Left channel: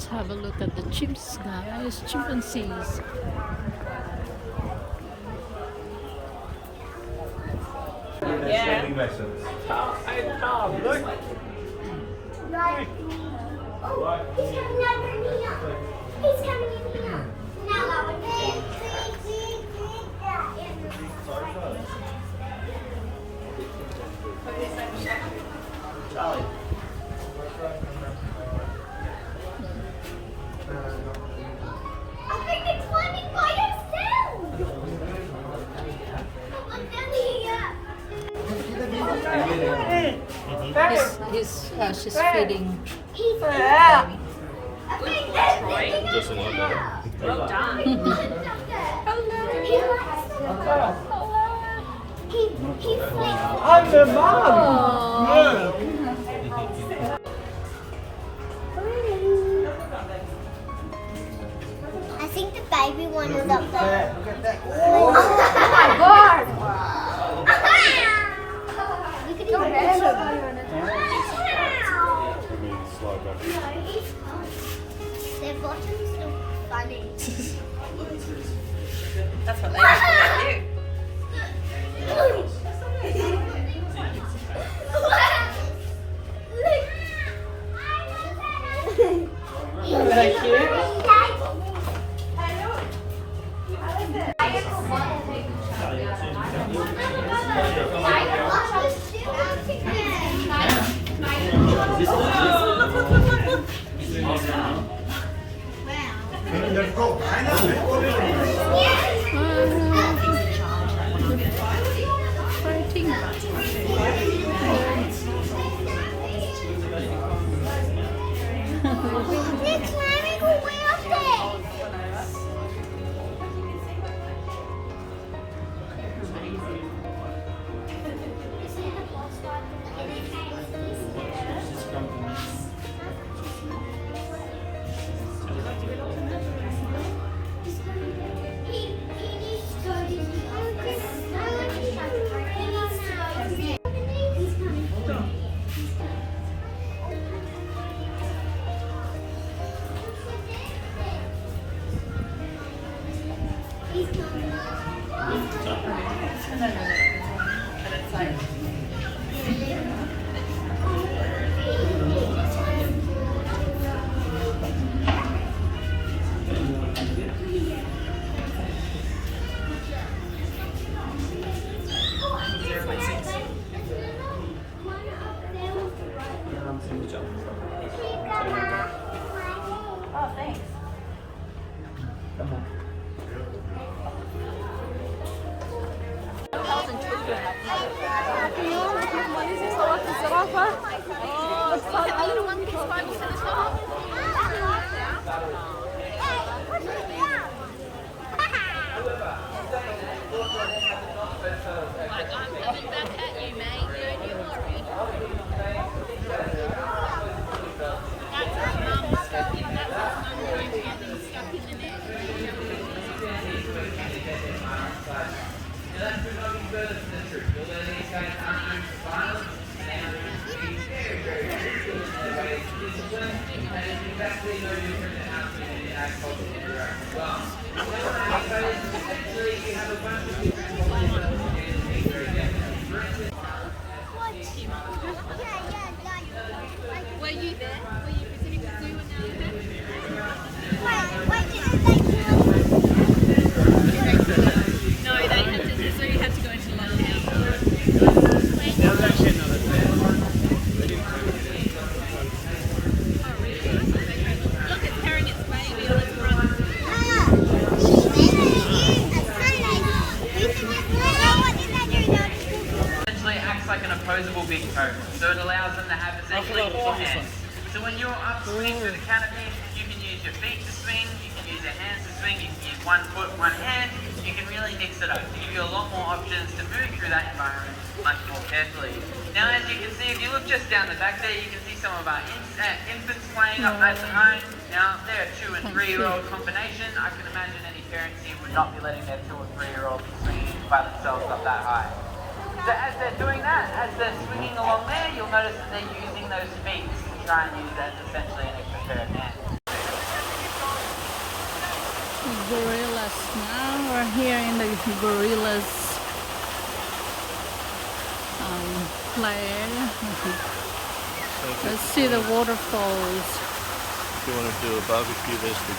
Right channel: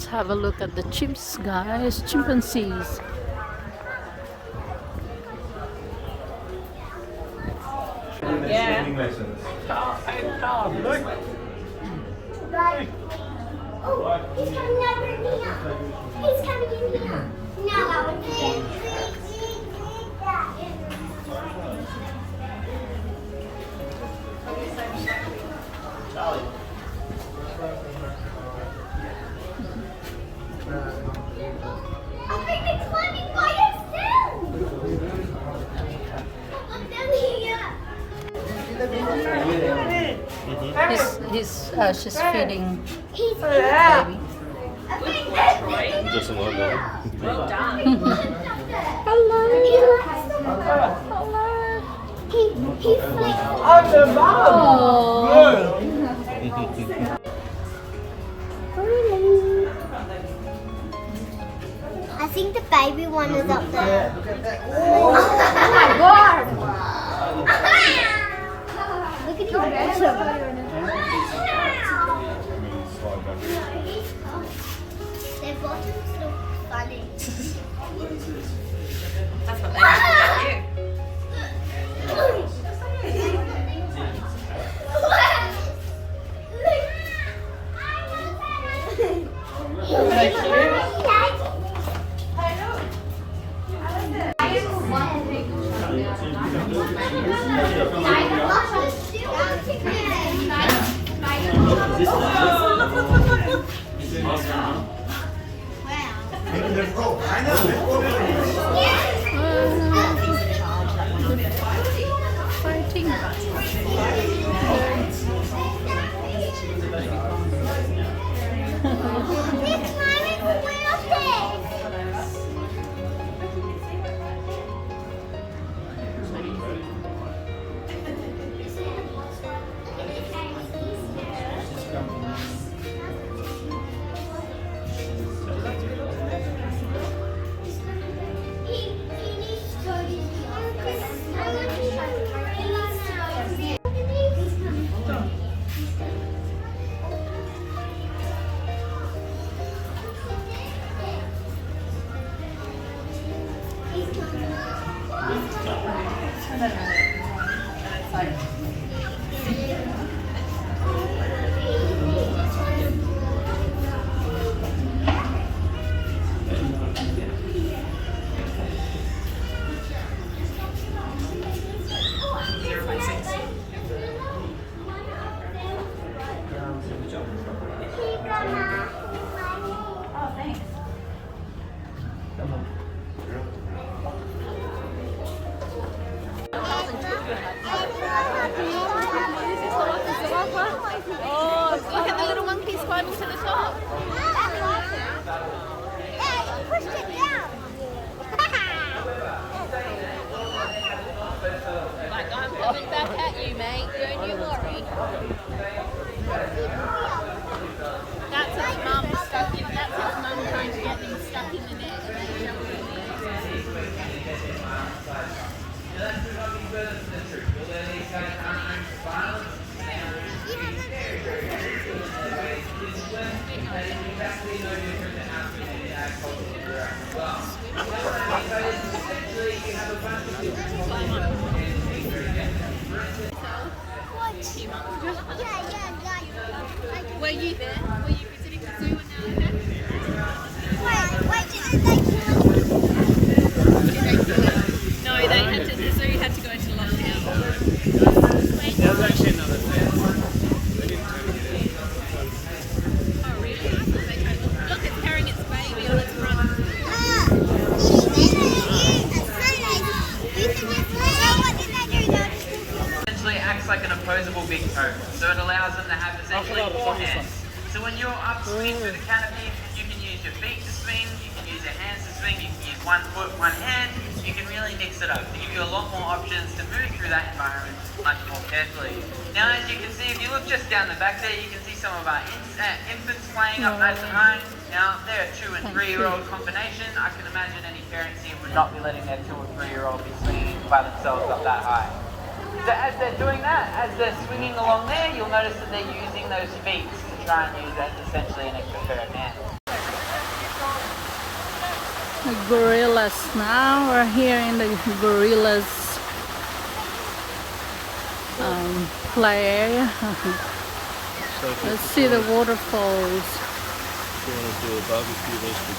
Let's have a look at the chimps, guys. Chimpanzees. Yeah. Calm, look. Oh, he's coming over here. He's coming in here. No. Charlie. I think they're climbing by themselves. I'm down here. She's feeding He's baby. Just a little bit. Well done. Hello. He flipped. I'm the mum. Oh. I think the baby one is up there. Oh my god! Look at his bottom. Their bottoms look funny. That's what they call you. Fighting. They're climbing away up there. Were you there? Were you visiting the zoo when you No, they had to, the zoo had to go into lockdown. Look, it's carrying its baby on its run. Essentially acts like an opposable big toe, so it allows them to have essentially four hands. So when you're upswing through the canopy, you can use your feet to swing, you can use your hands to swing, you can use one foot, one hand, you can really mix it up to give you a lot more options to move through that environment much more carefully. Now as you can see, if you look just down the back there, you can see some of our infants playing at home. Now they're a 2- and 3-year-old combination. I can imagine any parents here would not be letting their 2- or 3-year-old be swinging by themselves up that high. So as they're doing that, as they're swinging along there, you'll notice that they're using those feet to try and use as essentially an extra pair of hands. The gorillas. Now we're here in the gorillas play area. Let's see the waterfalls. If you want to do a barbecue, there's the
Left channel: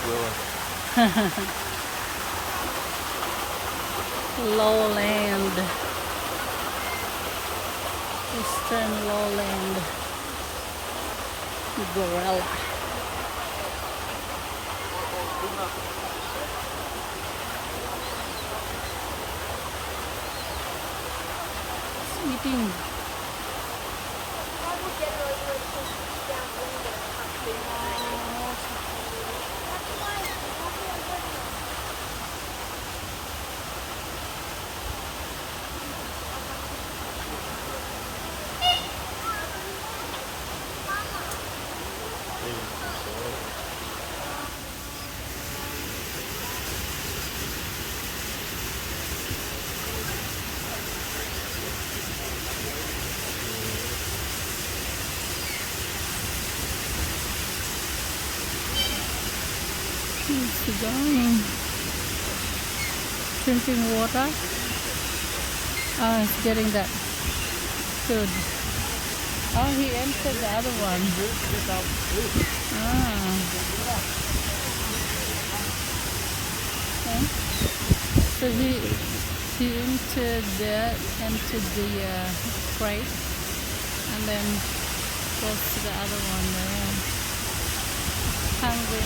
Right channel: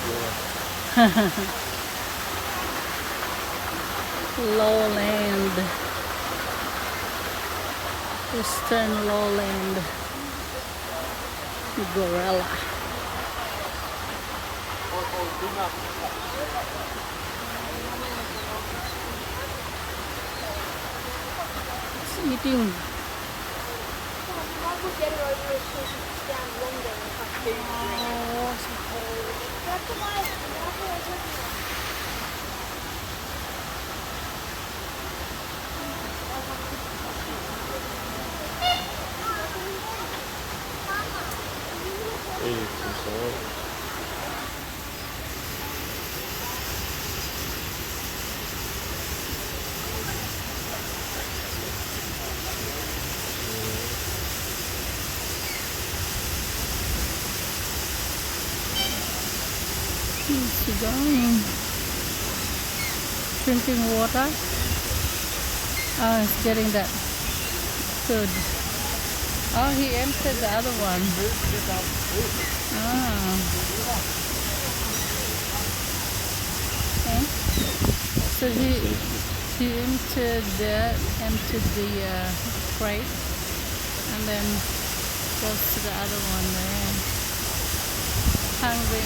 grill. Lowland. Eastern lowland. Gorilla. It's eating. Eating some salad. Where's he going? Drinking water. Oh, he's getting that food. Oh, he entered the other one. Ah. Okay. So he entered the crate and then goes to the other one there. Hungry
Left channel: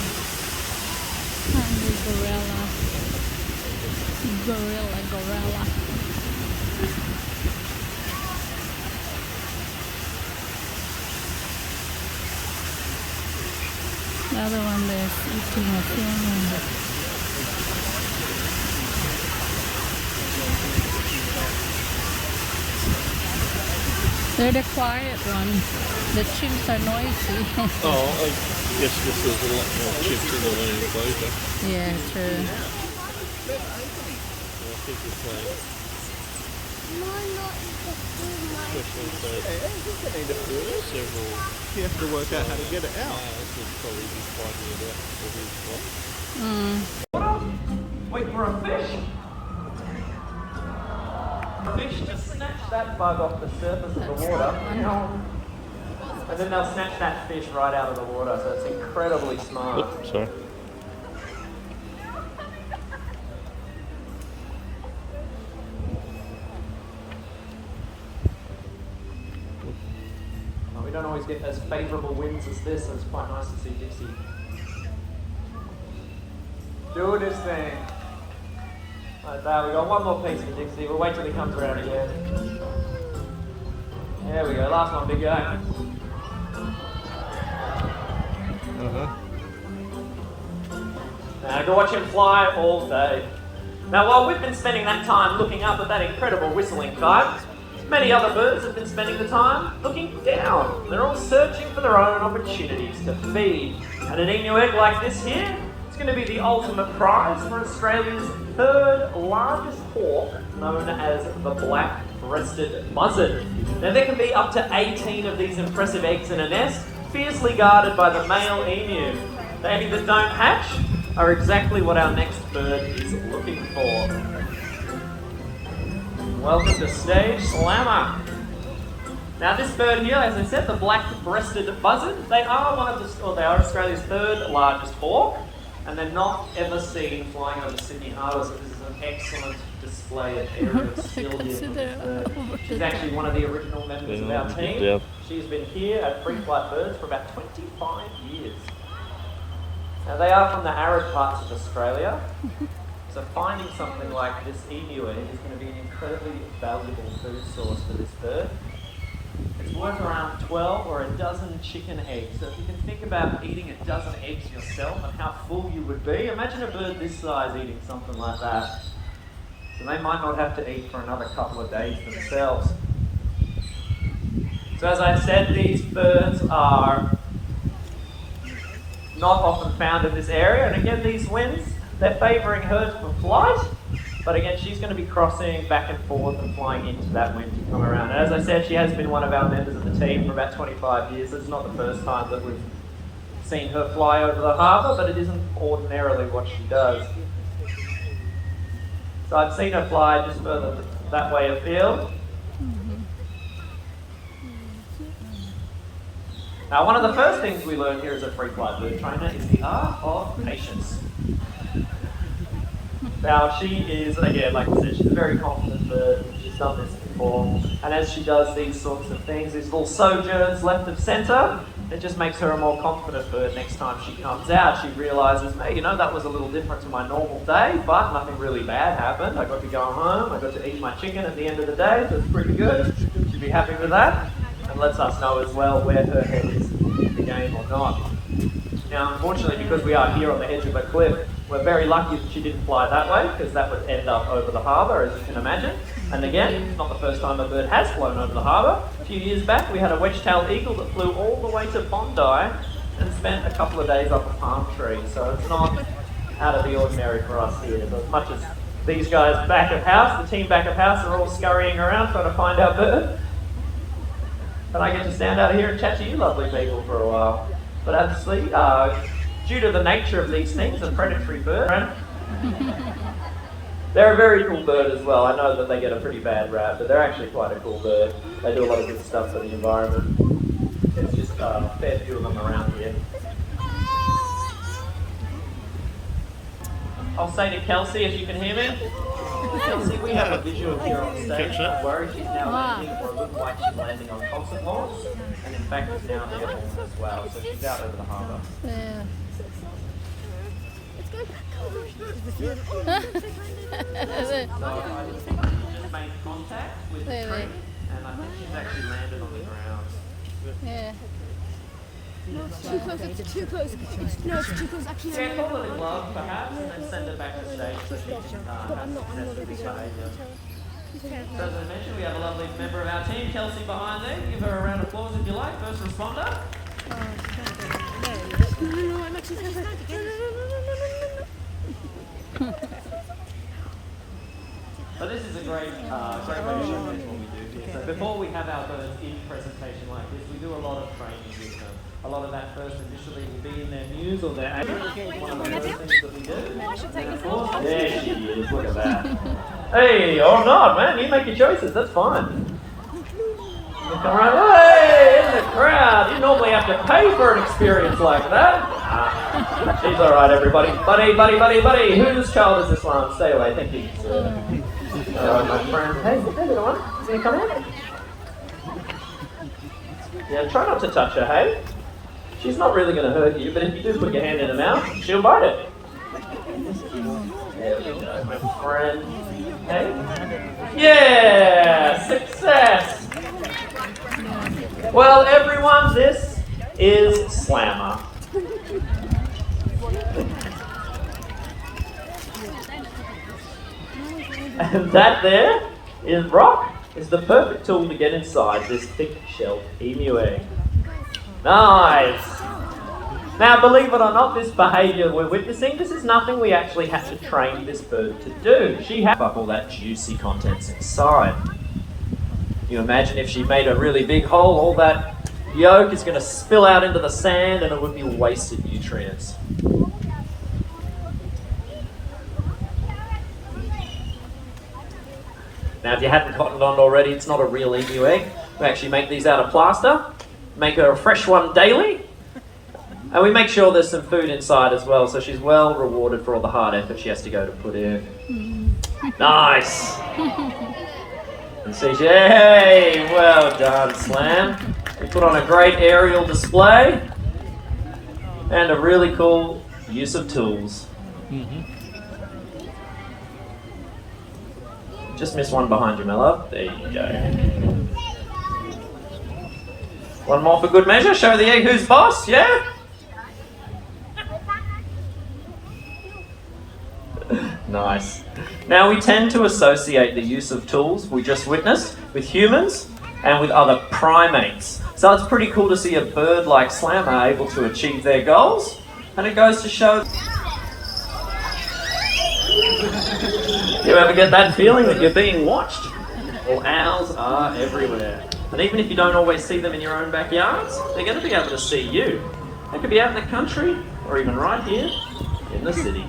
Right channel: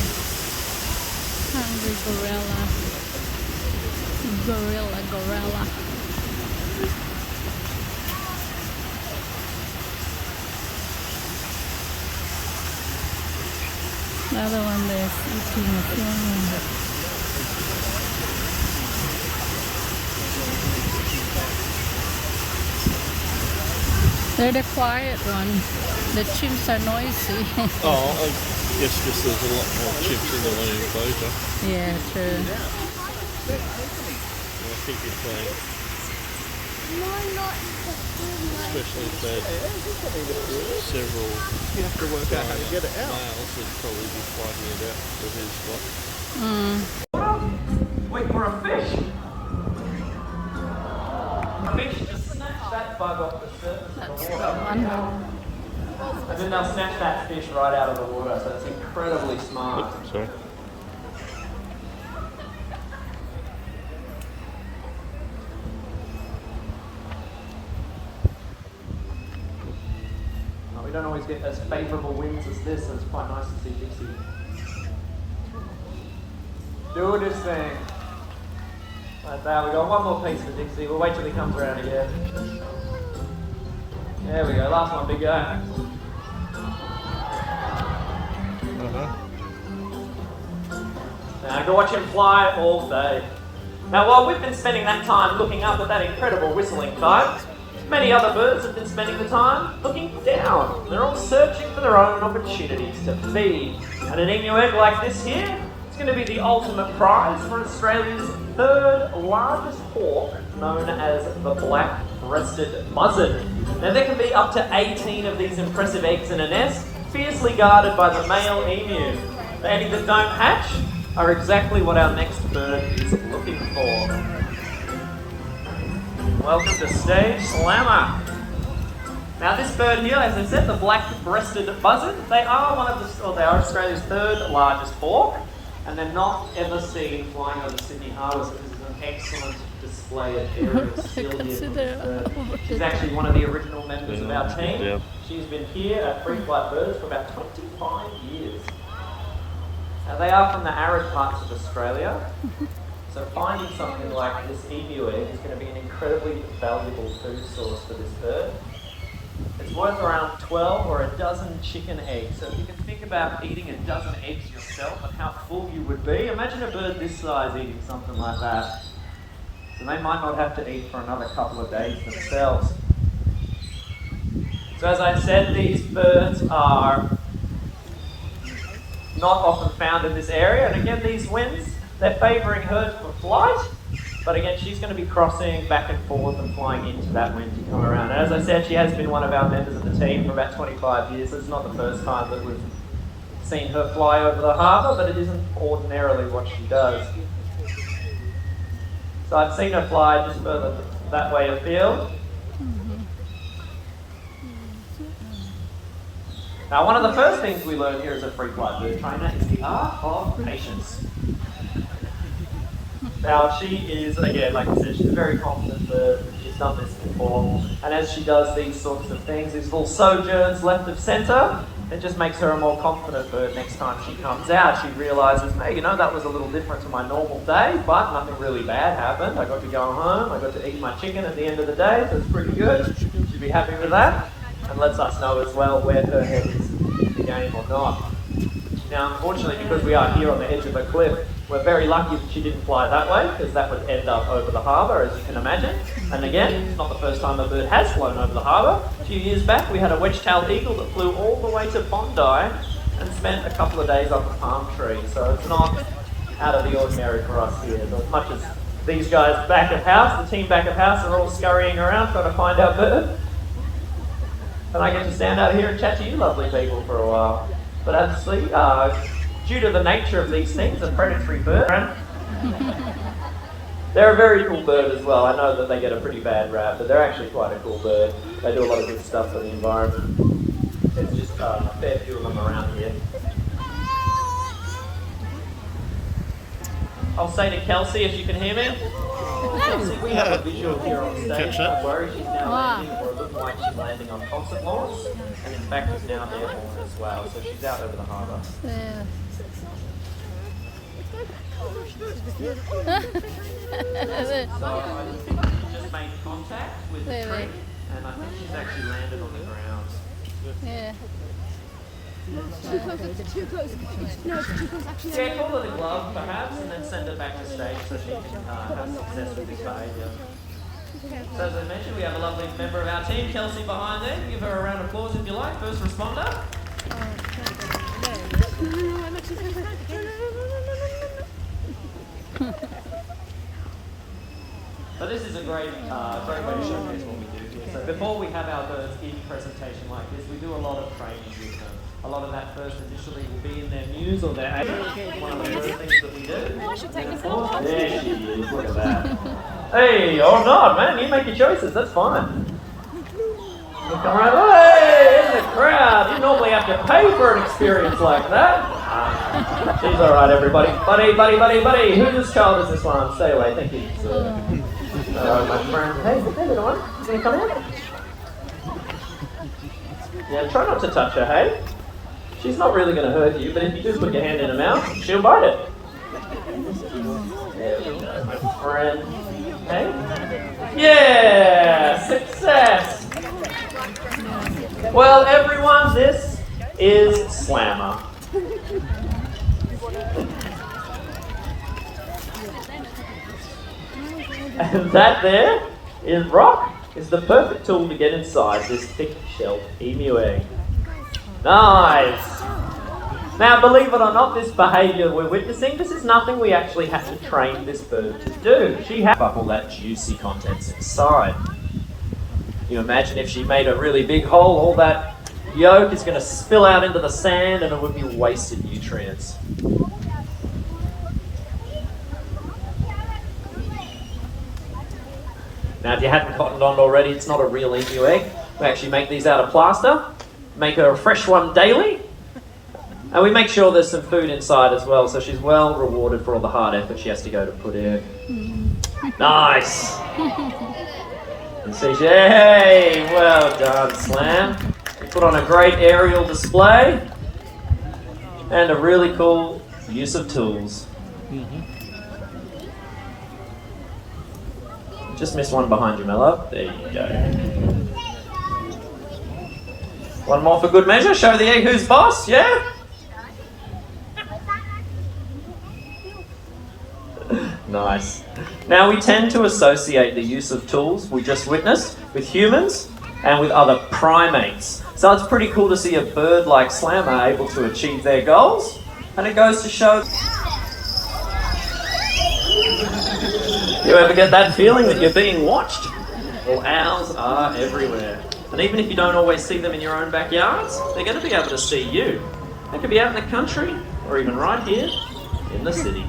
gorilla. Gorilla. The other one there is eating a thing. They're the quiet one. The chimps are noisy. Oh, I guess this is a lot more chips in the enclosure. Yeah, true. I think you're playing. No, not Especially if there's several. You have to work out how to get it out. Males would probably be fighting it out for his spot. Wait for a fish. Fish just snatch that bug off the surface of the water. And then they'll snatch that fish right out of the water, so it's incredibly smart. Sorry. We don't always get as favourable winds as this, so it's quite nice to see Dixie doing his thing. Like that, we got one more piece of Dixie. We'll wait till he comes around again. There we go, last one, big guy. And watch him fly all day. Now, while we've been spending that time looking up at that incredible whistling kite, many other birds have been spending the time looking down. They're all searching for their own opportunities to feed. And an Inuit like this here, it's going to be the ultimate prize for Australia's third largest hawk, known as the black-breasted buzzard. Now, there can be up to 18 of these impressive eggs in a nest, fiercely guarded by the male emu. The any that don't hatch are exactly what our next bird is looking for. Welcome to Stage Slammer. Now this bird here, as I said, the black-breasted buzzard, they are Australia's third largest hawk, and they're not ever seen flying over Sydney Harbour because it's an excellent display of aerial. She's actually one of the original members of our team. Yeah. She's been here at Free Flight Birds for about 25 years. Now they are from the arid parts of Australia, so finding something like this emu egg is going to be an incredibly valuable food source for this bird. It's worth around 12 or a dozen chicken eggs. So if you can think about eating a dozen eggs yourself and how full you would be, imagine a bird this size eating something like that. So they might not have to eat for another couple of days themselves. So as I said, these birds are not often found in this area, and again these winds, they're favouring her for flight, but again she's going to be crossing back and forth and flying into that wind to come around. And as I said, she has been one of our members of the team for about 25 years, so it's not the first time that we've seen her fly over the harbour, but it isn't ordinarily what she does. So I've seen her fly just further that way afield. Now, one of the first things we learn here as a free flight bird trainer is the art of patience. Now, she is, again, like I said, she's a very confident bird. She's done this before. And as she does these sorts of things, these little sojourns left of centre, it just makes her a more confident bird next time she comes out. She realises, hey, you know, that was a little different to my normal day, but nothing really bad happened. I got to go home, I got to eat my chicken at the end of the day, so it's pretty good. She'd be happy with that. And lets us know as well where her head is in the game or not. Now, unfortunately, because we are here on the edge of a cliff, we're very lucky that she didn't fly that way, because that would end up over the harbour, as you can imagine. And again, it's not the first time a bird has flown over the harbour. A few years back, we had a wedge-tailed eagle that flew all the way to Bondi and spent a couple of days up a palm tree. So it's not out of the ordinary for us here. So as much as these guys back of house, the team back of house, are all scurrying around trying to find our bird, and I get to stand out here and chat to you lovely people for a while. But obviously, due to the nature of these things, a predatory bird, they're a very cool bird as well. I know that they get a pretty bad rap, but they're actually quite a cool bird. They do a lot of good stuff for the environment. There's just a fair few of them around here. I'll say to Kelsey, if you can hear me. Kelsey, we have a visual here on stage. Don't worry, she's now landing, or it looks like she's landing on concert halls, and in fact is now airborne as well, so she's out over the harbour. Yeah. Just made contact with the tree, and I think she's actually landed on the ground. Yeah. It's too close. No, it's too close. Actually, Yeah, call it a glove perhaps, and then send her back to stage so she can have success with this behaviour. So as I mentioned, we have a lovely member of our team, Kelsey, behind there. Give her a round of applause if you like, first responder. But this is a great way to showcase what we do here. So before we have our birds in presentation like this, we do a lot of training with them. A lot of that first initially will be in their muse or their one of the first things that we do. I should take a photo. There she is, look at that. Hey, oh God, man, you make your choices, that's fine. Hey, in the crowd, you normally have to pay for an experience like that. She's alright, everybody. Buddy, whose child is this one? Stay away, thank you. My friend. Hey, little one, can you come here? Yeah, try not to touch her, hey? She's not really going to hurt you, but if you do put your hand in her mouth, she'll bite it. There we go, my friend. Okay? Yeah! Success! Well, everyone, this is Slammer. And that there is rock. Is the perfect tool to get inside this thick-shelled emu egg. Nice! Now, believe it or not, this behaviour we're witnessing, this is nothing we actually had to train this bird to do. She had up all that juicy contents inside. You imagine if she made a really big hole, all that yolk is going to spill out into the sand and it would be wasted nutrients. Now, if you hadn't cottoned on already, it's not a real emu egg. We actually make these out of plaster, make her a fresh one daily, and we make sure there's some food inside as well, so she's well rewarded for all the hard effort she has to go to put in. Nice! And so hey, well done, Slam. We put on a great aerial display, and a really cool use of tools. Just missed one behind you, my love. There you go. One more for good measure. Show the egg who's boss, yeah? Nice. Now, we tend to associate the use of tools we just witnessed with humans and with other primates. So it's pretty cool to see a bird like Slammer able to achieve their goals. And it goes to show... You ever get that feeling that you're being watched? Well, owls are everywhere. And even if you don't always see them in your own backyards, they're going to be able to see you. It could be out in the country or even right here in the city.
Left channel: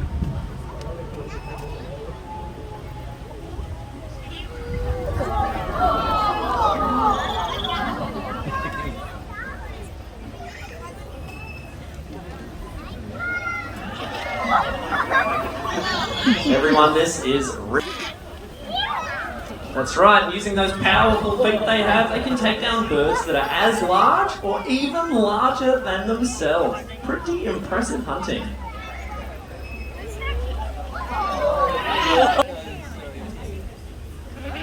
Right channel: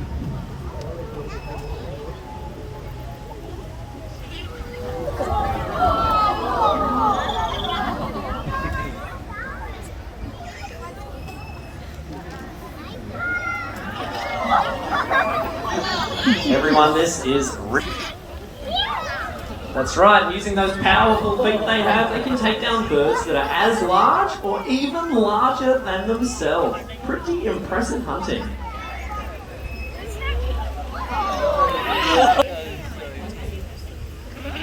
Everyone, this is That's right, using those powerful feet they have, they can take down birds that are as large or even larger than themselves. Pretty impressive hunting.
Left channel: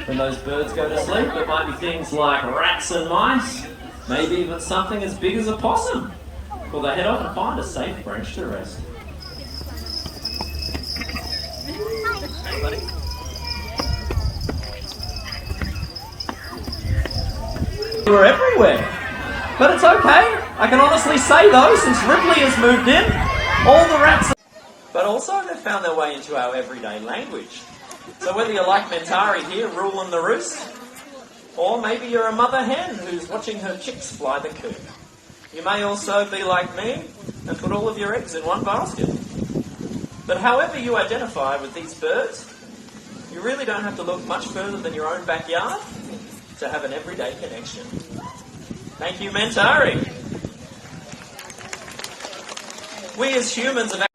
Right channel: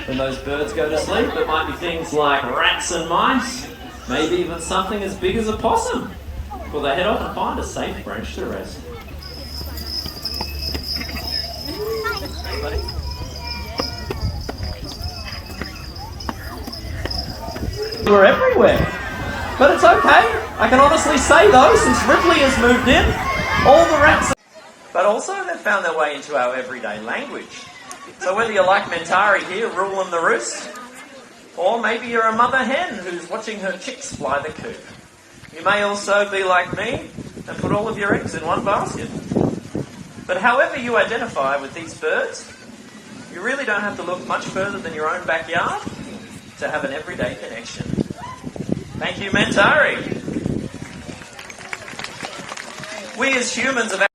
When those birds go to sleep, it might be things like rats and mice, maybe even something as big as a possum. Well, they head off and find a safe branch to rest. Hey, buddy. We're everywhere. But it's okay. I can honestly say though, since Ridley has moved in, all the rats... But also they've found their way into our everyday language. So whether you like Mentari here ruling the roost, or maybe you're a mother hen who's watching her chicks fly the coop. You may also be like me and put all of your eggs in one basket. But however you identify with these birds, you really don't have to look much further than your own backyard to have an everyday connection. Thank you, Mentari. We as humans have...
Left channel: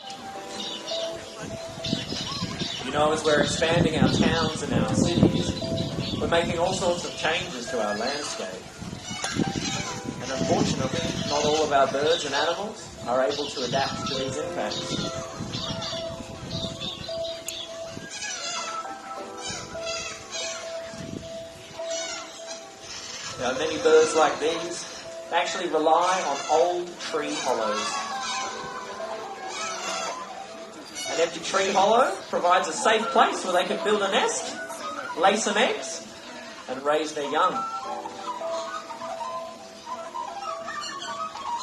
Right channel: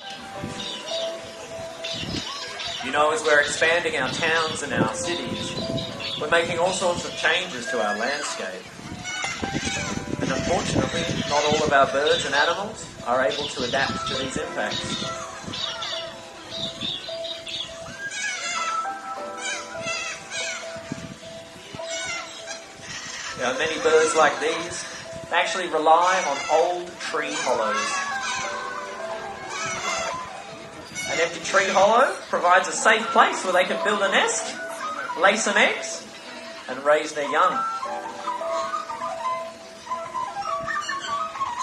You know, as we're expanding our towns and our cities, we're making all sorts of changes to our landscape. And unfortunately, not all of our birds and animals are able to adapt to these impacts. You know, many birds like these actually rely on old tree hollows. An empty tree hollow provides a safe place where they can build a nest, lay some eggs, and raise their young.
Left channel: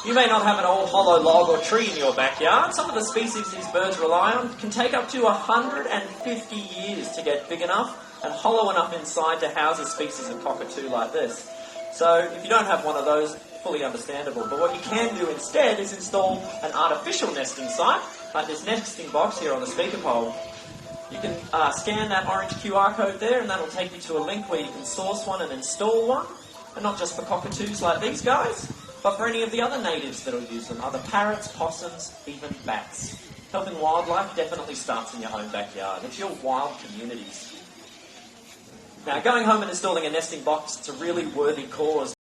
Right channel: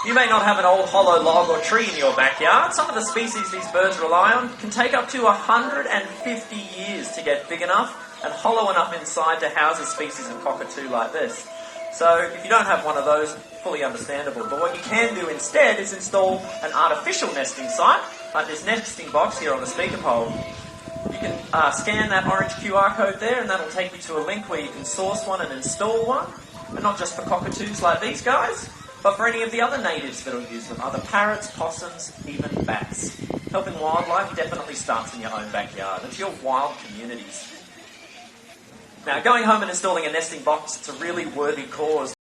You may not have an old hollow log or tree in your backyard. Some of the species these birds rely on can take up to 150 years to get big enough and hollow enough inside to house a species of cockatoo like this. So if you don't have one of those, fully understandable. But what you can do instead is install an artificial nesting site, like this nesting box here on the speaker pole. You can scan that orange QR code there and that'll take you to a link where you can source one and install one. And not just for cockatoos like these guys, but for any of the other natives that will use them, other parrots, possums, even bats. Helping wildlife definitely starts in your own backyard. It's your wild communities. Now, going home and installing a nesting box, it's a really worthy cause.